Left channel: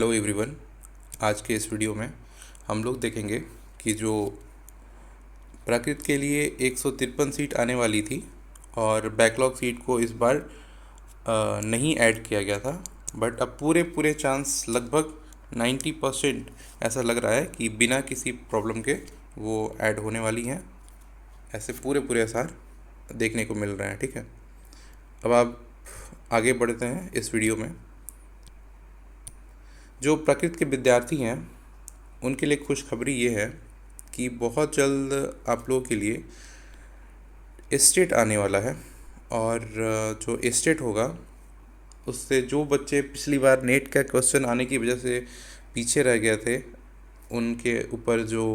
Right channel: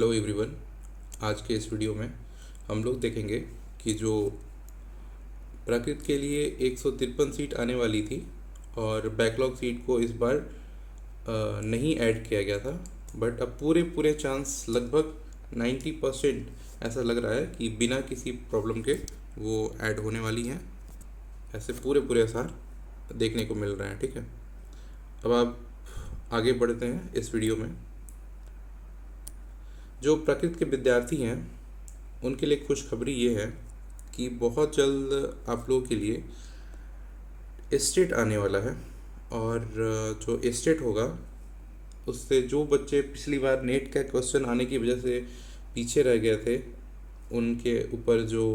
Hello everyone. आज के इस वीडियो में हम लोग देखेंगे कि जो प्राकृत के लिए 153 सीट आने वाली थी और बैकलॉग सीट को इस बार नहीं ऐड किया गया था, बट अब पूरे पूरे चांस लगभग 90% ऐसा लग रहा है कि बिना किसी प्रॉब्लम के वो ऐड होने वाली हैं। ऐसे पूरे पूरे आसार देखने को मिल रहे हैं। ठीक है, अब आप आगे बढ़ते हैं इस वीडियो में। जो प्रकृति के विद्यार्थी हैं उनके लिए खुशखबरी ये है कि बहुत जल्द आप लोगों के लिए स्टेट आने वाला है। और जो स्टेट होगा उससे जो बच्चे पिछली बार नेट का क्वेश्चन आने की वजह से पीछे रह गए थे, उनके ऊपर जो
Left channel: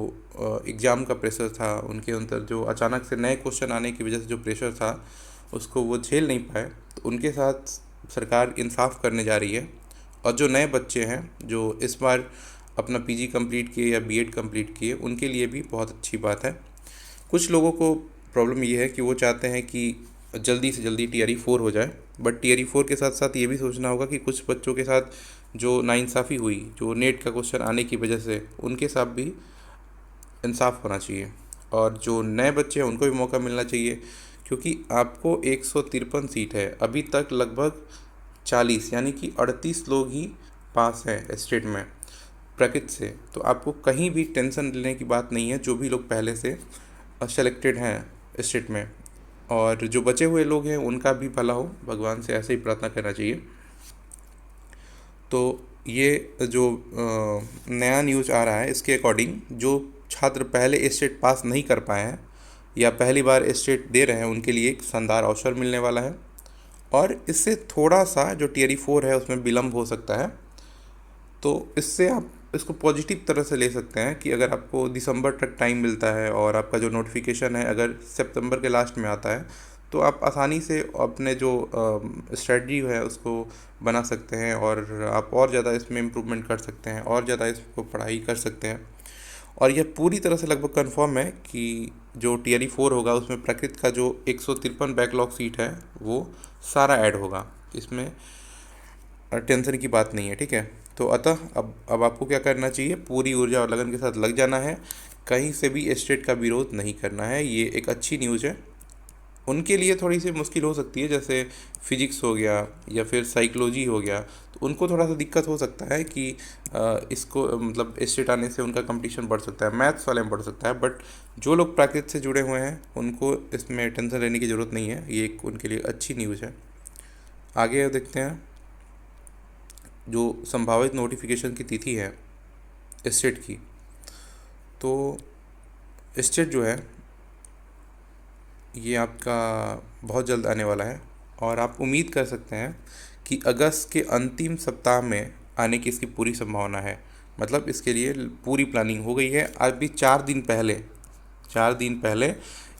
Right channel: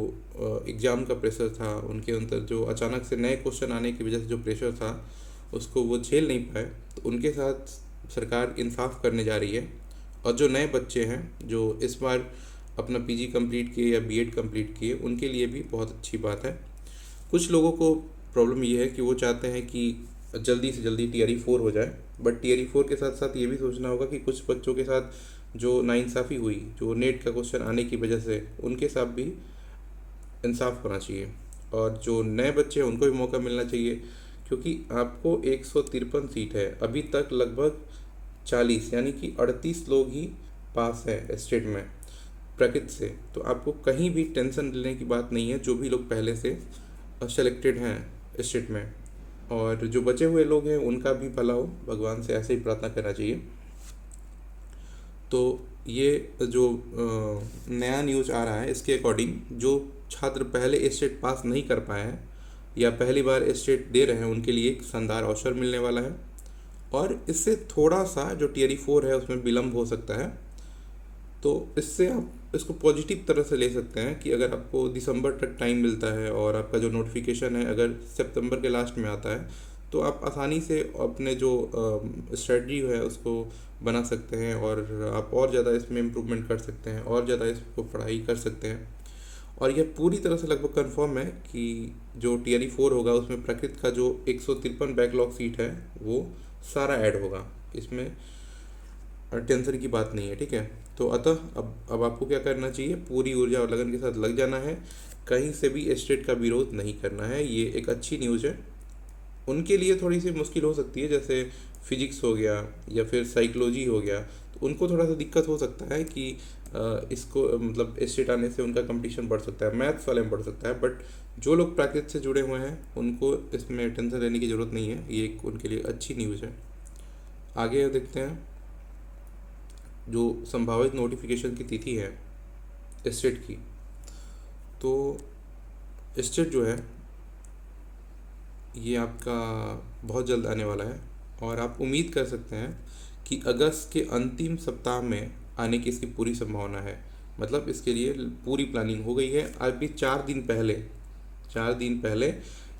एग्ज़ाम का प्रेशर था, उनके अंदर जो अचानक से नए क्वेश्चन आने की वजह से जो प्रेशर था उसको वो झेल नहीं पाए, तो उनके साथ सरकार इंसाफ करने जा रही है। और जो नए बच्चे हैं जो इस बार अपना पीजी कंप्लीट किए या बीएड कंप्लीट किए, उनके लिए भी बहुत अच्छी बात है। कुछ लोगों को प्रॉब्लम ये है कि वो चाहते हैं कि जल्दी से जल्दी टीआरई 4 हो जाए, बट टीआरई 4 के साथ साथ ये भी सोचना होगा कि कुछ बच्चों के साथ जो नाइंसाफ़ी हुई, जो नेट का क्वेश्चन आने की वजह से, उनके साथ भी इंसाफ होना चाहिए। और जो नए बच्चे हैं उनको भी मौका मिलना चाहिए, क्योंकि आपको 153 सीट है, अभी तक लगभग 40 यानी कि 38 लोग ही पास हैं स्टेट में प्रकृति से। तो आपको कहीं भी टेंशन लेने की बात नहीं है, जो भी लोग पहले से सेलेक्टेड हैं स्टेट में। और जो बचे हुए लोग हैं उनका भी भला हो, भगवान से ऐसे ही प्रार्थना करना चाहिए। तो ये जो नया न्यूज़ आ रहा है, इसके अकॉर्डिंग जो छात्र पहले स्टेट पास नहीं कर पाए हैं या पहली बार स्टेट दे रहे हैं, उनके लिए एक शानदार अवसर मिलने वाला है। और इससे थोड़ा सा जो टीआरई 4 है उसमें विलम्ब हो सकता है। तो इससे आप इसको पॉजिटिव तरह से ले सकते हैं कि अगर आपको दिसंबर तक टाइम मिलता है और आपका जो नोटिफिकेशन है अगर सितंबर के लास्ट में आता है, तो आप आसानी से अपने जो स्ट्रेटजी है उसको बना सकते हैं और आप और ज़्यादा इसमें इम्प्रूवमेंट कर सकते हैं और ज़्यादा इसको पढ़ाई कर सकते हैं। और यह पूरी तरह से लगभग कंफर्म है कि जो टीआरई 4 होगा उसमें प्रकृति का जो 153 बैकलॉग सीट है वो सारा ऐड होगा, इसमें टेंशन की बात नहीं है। ठीक है, तो अतः अब आपको क्या करना चाहिए, पूरी ऊर्जा और लगन के साथ लग जाना है, कहीं से भी स्टेट का विरोध नहीं करना है। ये एक अच्छी न्यूज़ है। उनके लिए थोड़ी सी मुश्किल हो सकती है, जैसे फिजिक्स हो गया या फिर साइकोलॉजी हो गया, तो उनको थोड़ा सा दिक्कत हो सकता है कि इसको मतलब स्टेट आने से उनका कंपटीशन बढ़ सकता है, मैथ्स वाले में बढ़ सकता है। बट जो लोग प्राकृतिक से जुड़े हुए हैं उनको इसमें टेंशन लेने की ज़रूरत नहीं है, ये एक उनके लिए अच्छी न्यूज़ है। आगे देखते हैं। जो संभावित नोटिफिकेशन की तिथि है स्टेट की, तो स्टेट जो है ये आपका बहुत जल्द आने वाला है और आप उम्मीद कर सकते हैं कि अगस्त के अंतिम सप्ताह में आने की इसकी पूरी संभावना है। मतलब इसके लिए पूरी प्लानिंग हो गई है। अभी 4 दिन पहले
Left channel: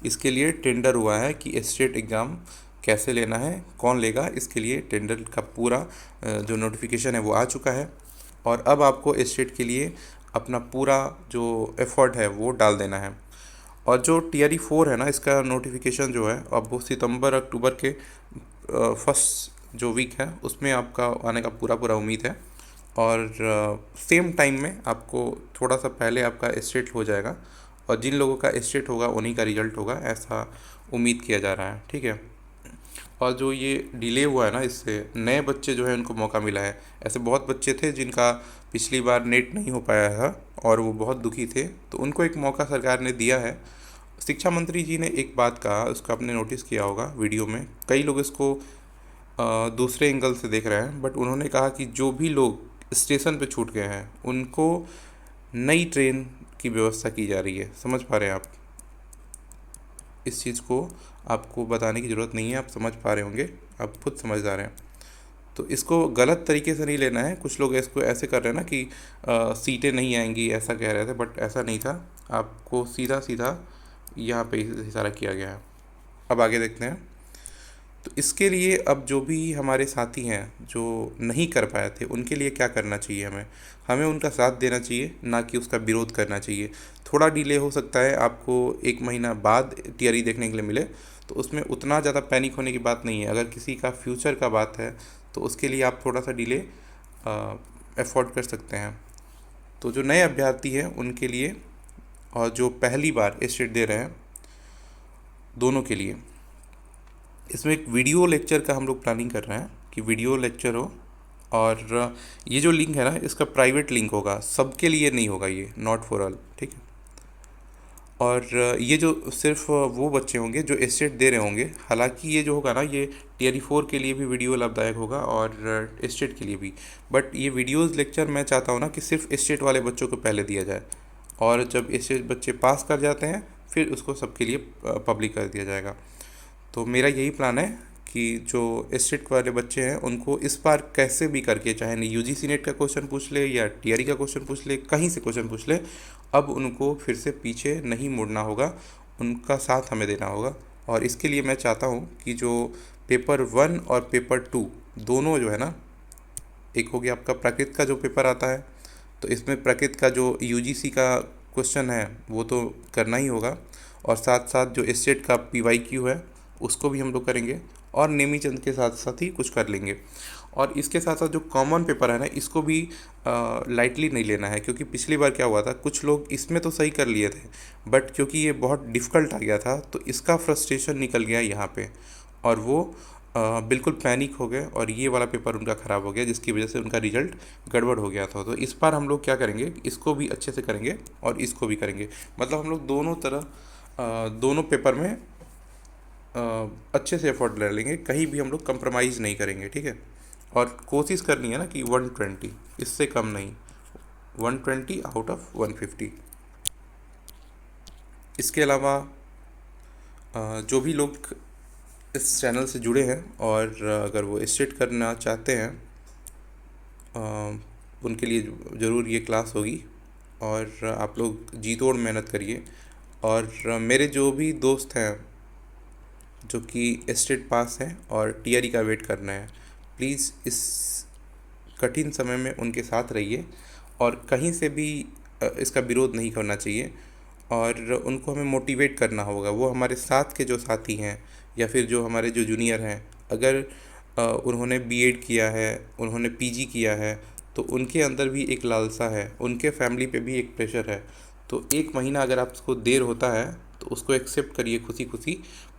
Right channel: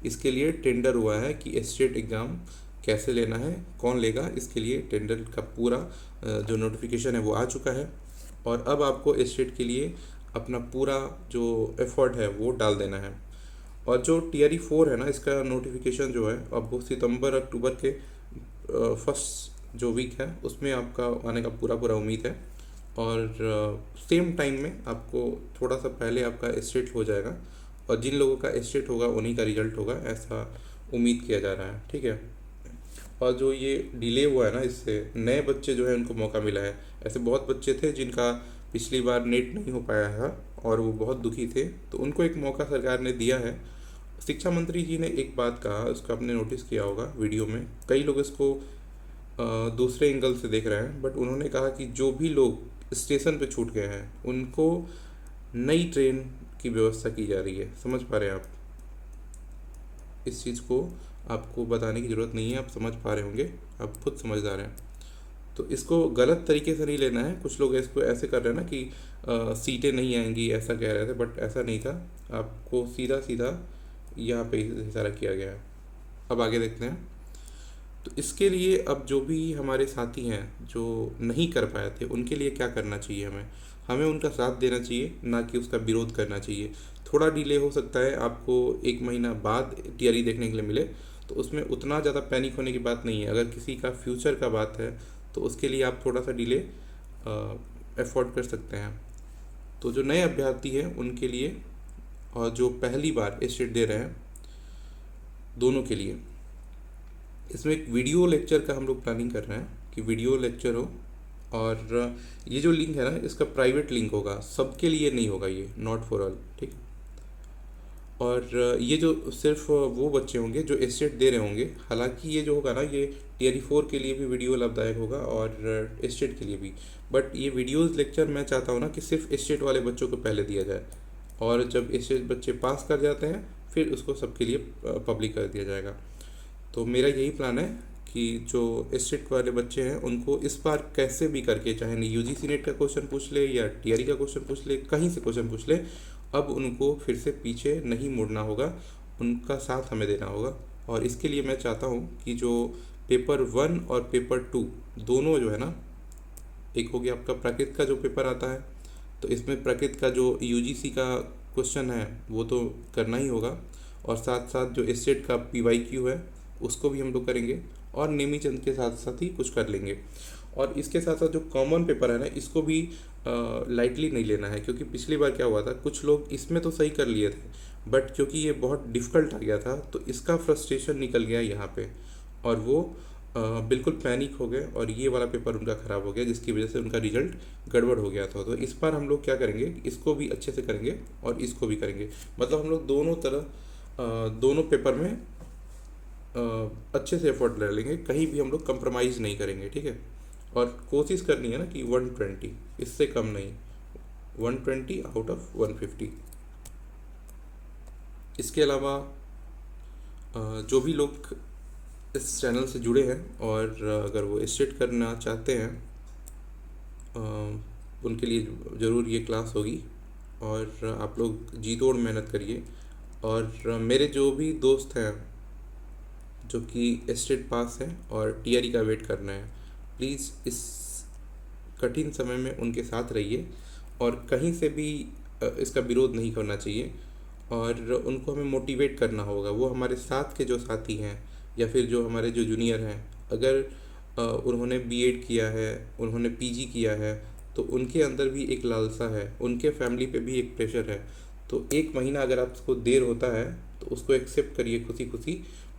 इसके लिए टेंडर हुआ है कि स्टेट एग्ज़ाम कैसे लेना है, कौन लेगा, इसके लिए टेंडर का पूरा जो नोटिफिकेशन है वो आ चुका है। और अब आपको स्टेट के लिए अपना पूरा जो एफर्ट है वो डाल देना है। और जो टीआरई 4 है ना, इसका नोटिफिकेशन जो है अब वो सितंबर अक्टूबर के फर्स्ट जो वीक है उसमें आपका आने का पूरा पूरा उम्मीद है। और सेम टाइम में आपको थोड़ा सा पहले आपका स्टेट हो जाएगा और जिन लोगों का स्टेट होगा उन्हीं का रिजल्ट होगा, ऐसा उम्मीद किया जा रहा है। ठीक है, और जो ये डिले हुआ है ना, इससे नए बच्चे जो है उनको मौका मिला है। ऐसे बहुत बच्चे थे जिनका पिछली बार नेट नहीं हो पाया था और वो बहुत दुखी थे, तो उनको एक मौका सरकार ने दिया है। शिक्षा मंत्री जी ने एक बात कहा, उसका आपने नोटिस किया होगा वीडियो में, कई लोग इसको दूसरे एंगल से देख रहे हैं, बट उन्होंने कहा कि जो भी लोग स्टेशन पे छूट गए हैं उनको नई ट्रेन की व्यवस्था की जा रही है। समझ पा रहे हैं आप इस चीज़ को? आपको बताने की ज़रूरत नहीं है, आप समझ पा रहे होंगे, आप खुद समझदार हैं। तो इसको गलत तरीके से नहीं लेना है। कुछ लोग इसको ऐसे कर रहे हैं ना कि सीटें नहीं आएंगी ऐसा कह रहे थे, बट ऐसा नहीं था। आपको सीधा सीधा यहाँ पे इशारा किया गया है। अब आगे देखते हैं। तो इसके लिए अब जो भी हमारे साथी हैं जो नहीं कर पाए थे, उनके लिए क्या करना चाहिए, हमें हमें उनका साथ देना चाहिए, ना कि उसका विरोध करना चाहिए। थोड़ा डिले हो सकता है, आपको 1 महीना बाद टीआरई देखने के लिए मिले, तो उसमें उतना ज़्यादा पैनिक होने की बात नहीं है। अगर किसी का फ्यूचर का बात है तो उसके लिए आप थोड़ा सा डिले अफोर्ड कर सकते हैं। तो जो नए अभ्यर्थी हैं उनके लिए और जो पहली बार स्टेट दे रहे हैं, दोनों के लिए इसमें एक वीडियो लेक्चर का हम लोग प्लानिंग कर रहे हैं कि वीडियो लेक्चर हो। और ये जो लिंक है ना, इसका प्राइवेट लिंक होगा, सबके लिए नहीं होगा, ये नॉट फॉर ऑल, ठीक है। और ये जो सिर्फ वो बच्चे होंगे जो स्टेट दे रहे होंगे, हालांकि ये जो होगा ना, ये टीयर 4 के लिए भी वीडियो लाभदायक होगा और स्टेट के लिए भी। बट ये वीडियोज़ लेक्चर मैं चाहता हूँ ना कि सिर्फ स्टेट वाले बच्चों को पहले दिया जाए, और जब स्टेट बच्चे पास कर जाते हैं फिर उसको सबके लिए पब्लिक कर दिया जाएगा। तो मेरा यही प्लान है कि जो स्टेट वाले बच्चे हैं उनको इस बार कैसे भी करके, चाहे नहीं यूजीसी नेट का क्वेश्चन पूछ ले या टीआरई का क्वेश्चन पूछ ले, कहीं से क्वेश्चन पूछ ले, अब उनको फिर से पीछे नहीं मुड़ना होगा, उनका साथ हमें देना होगा। और इसके लिए मैं चाहता हूँ कि जो पेपर 1 और पेपर 2 दोनों जो है ना, एक हो गया आपका प्राकृत का जो पेपर आता है, तो इसमें प्राकृत का जो यूजीसी का क्वेश्चन है वो तो करना ही होगा, और साथ साथ जो स्टेट का पीवाईक्यू है उसको भी हम लोग करेंगे, और नेमी चंद के साथ साथ ही कुछ कर लेंगे। और इसके साथ साथ जो कॉमन पेपर है ना, इसको भी लाइटली नहीं लेना है, क्योंकि पिछली बार क्या हुआ था, कुछ लोग इसमें तो सही कर लिए थे, बट क्योंकि ये बहुत डिफ़िकल्ट आ गया था तो इसका फ्रस्ट्रेशन निकल गया यहाँ पे, और वो बिल्कुल पैनिक हो गए और ये वाला पेपर उनका ख़राब हो गया, जिसकी वजह से उनका रिजल्ट गड़बड़ हो गया था। तो इस बार हम लोग क्या करेंगे, इसको भी अच्छे से करेंगे और इसको भी करेंगे, मतलब हम लोग दोनों तरह दोनों पेपर में अच्छे से एफर्ट ले लेंगे, कहीं भी हम लोग कंप्रोमाइज़ नहीं करेंगे, ठीक है। और कोशिश करनी है ना कि 120, इससे कम नहीं, 120 आउट ऑफ 150। इसके अलावा जो भी लोग इस चैनल से जुड़े हैं और अगर वो स्टेट करना चाहते हैं, उनके लिए ज़रूर ये क्लास होगी, और आप लोग जी तोड़ मेहनत करिए। और मेरे जो भी दोस्त हैं जो कि स्टेट पास हैं और टीआरई का वेट करना है, प्लीज़ इस कठिन समय में उनके साथ रहिए, और कहीं से भी इसका विरोध नहीं करना चाहिए, और उनको हमें मोटिवेट करना होगा। वो हमारे साथ के जो साथी हैं या फिर जो हमारे जो जूनियर हैं, अगर उन्होंने बीएड किया है, उन्होंने पीजी किया है, तो उनके अंदर भी एक लालसा है, उनके फैमिली पे भी एक प्रेशर है। तो 1 महीना अगर आपको देर होता है तो उसको एक्सेप्ट करिए खुशी खुशी,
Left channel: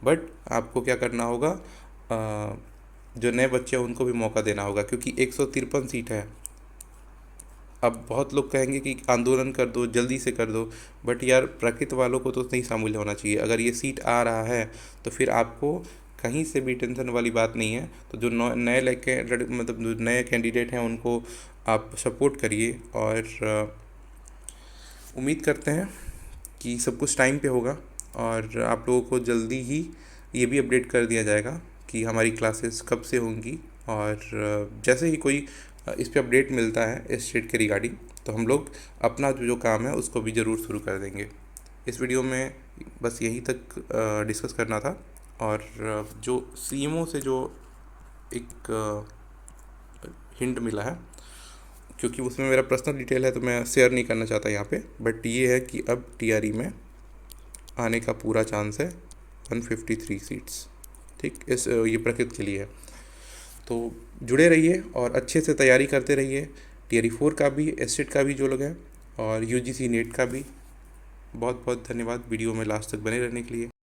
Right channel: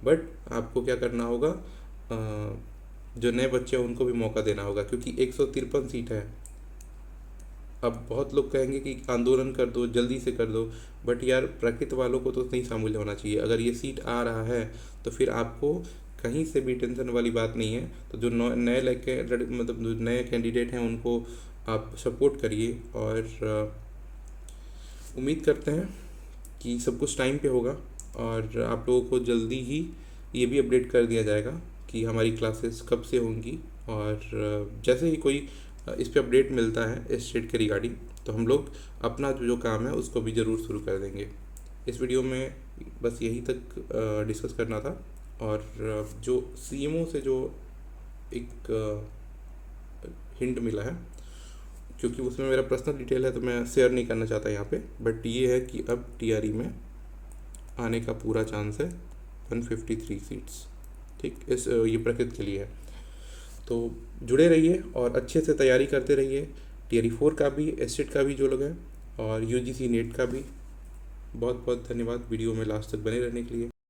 बट आपको क्या करना होगा, जो नए बच्चे हैं उनको भी मौका देना होगा, क्योंकि 153 सीट है। अब बहुत लोग कहेंगे कि आंदोलन कर दो, जल्दी से कर दो, बट यार प्राकृत वालों को तो नहीं शामिल होना चाहिए। अगर ये सीट आ रहा है तो फिर आपको कहीं से भी टेंशन वाली बात नहीं है। तो जो नए लड़के, मतलब जो नए कैंडिडेट हैं उनको आप सपोर्ट करिए, और उम्मीद करते हैं कि सब कुछ टाइम पे होगा, और आप लोगों को जल्दी ही ये भी अपडेट कर दिया जाएगा कि हमारी क्लासेस कब से होंगी। और जैसे ही कोई इस पे अपडेट मिलता है स्टेट के रिगार्डिंग, तो हम लोग अपना जो काम है उसको भी ज़रूर शुरू कर देंगे। इस वीडियो में बस यही तक डिस्कस करना था। और जो सीएमओ से जो एक हिंट मिला है, क्योंकि उसमें मेरा पर्सनल डिटेल है तो मैं शेयर नहीं करना चाहता यहाँ पे, बट ये है कि अब टीआरई में आने का पूरा चांस है 153 सीट्स, ठीक। ये प्रकृत के लिए है। तो जुड़े रहिए और अच्छे से तैयारी करते रहिए, टीआरई 4 का भी, एस्टेट का भी जो लोग हैं, और यूजीसी नेट का भी। बहुत बहुत धन्यवाद वीडियो में लास्ट तक बने रहने के लिए।